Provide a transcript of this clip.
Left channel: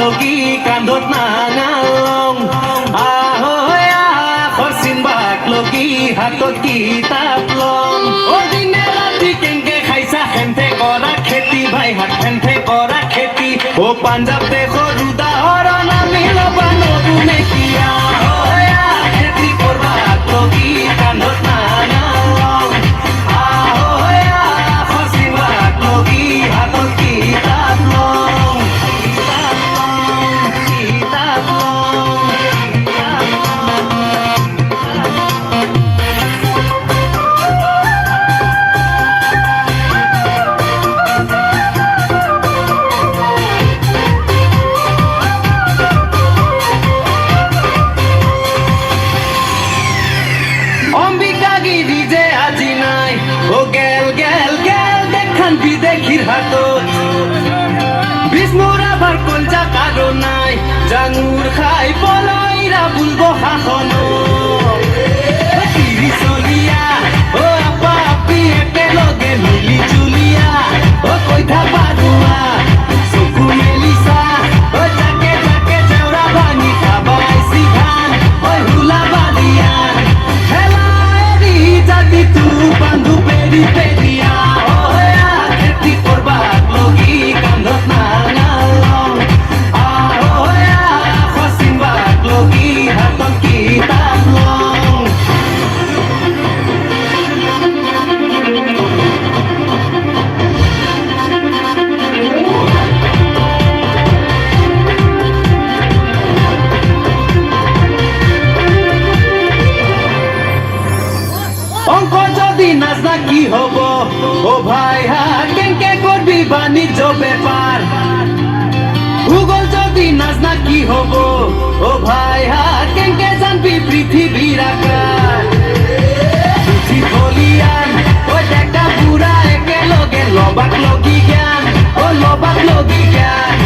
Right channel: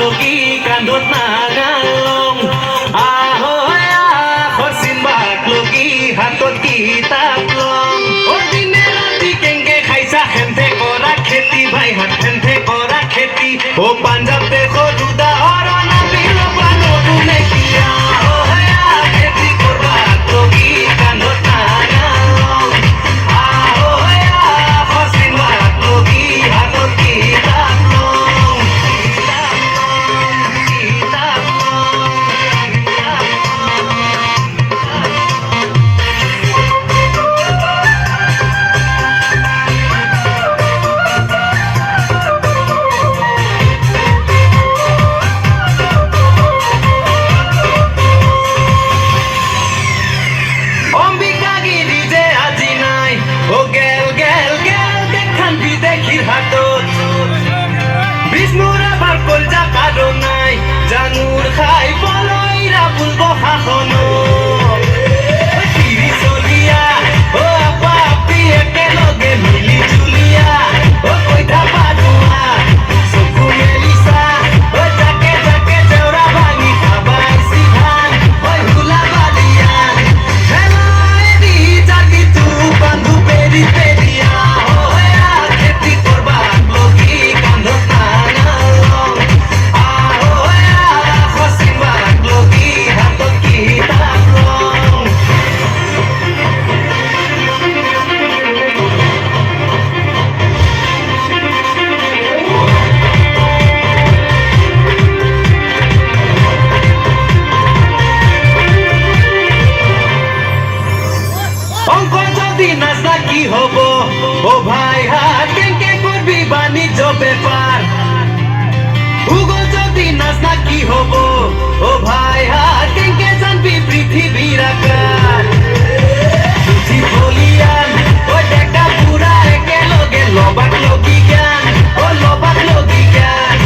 লগি কান্ধত নাঙালং খচিম্বাক লগি হাতত কিতাপ লং দিনে ৰাতি কেংকে খাইছা খেন্থে কৰা খেতি ভাই হাত খেন্থে কৰা খেতি পাঞ্জাব দেশৰ উদাহৰণ আমি ল'বা নতুনে কিয়া খেতি কৰবাক লগি কান্ধত নাঙালং খচিম্বাক লগি হাতত কিতাপ লং কিতাপ লং অম্বিকা গিরি যে আজি নাই ও গেল গেল গেল দেখান বিদেখির হাতত বিষ্ণুর আবার কলজা কারো নাই জানুর খাই পলাইরা বুলবো শাসন তিরি চলিয়া ও আপা আপি একেলগে মিলি জুলিয়া ও কইঠা পাৰুৱা চকু মেলিছা ও জাকে জাকে জেউৰা ভাঙি খাবাইছি ধান ও হুলা বালিয়া হেলাৰি জাগি তু বান্ধু পেৰি পেৰিয়া খেতি কৰবাক লগি কান্ধত নাঙালং খচিম্বাক লগি হাতত কিতাপ লং অংক যদি নাজনা কি হব ও ভাই হাত কেংকে করবি বাণিজ্য ব্যাপার ভূগোল যদি নাজনা কি হব ও ভাই হাত কেংকে জানবি পৃথিবীর আকার বুঝি ফলিয়ান ও দেখা পুরা একেলগে লবাক লগি জ্ঞান ও লবাক লগি জ্ঞান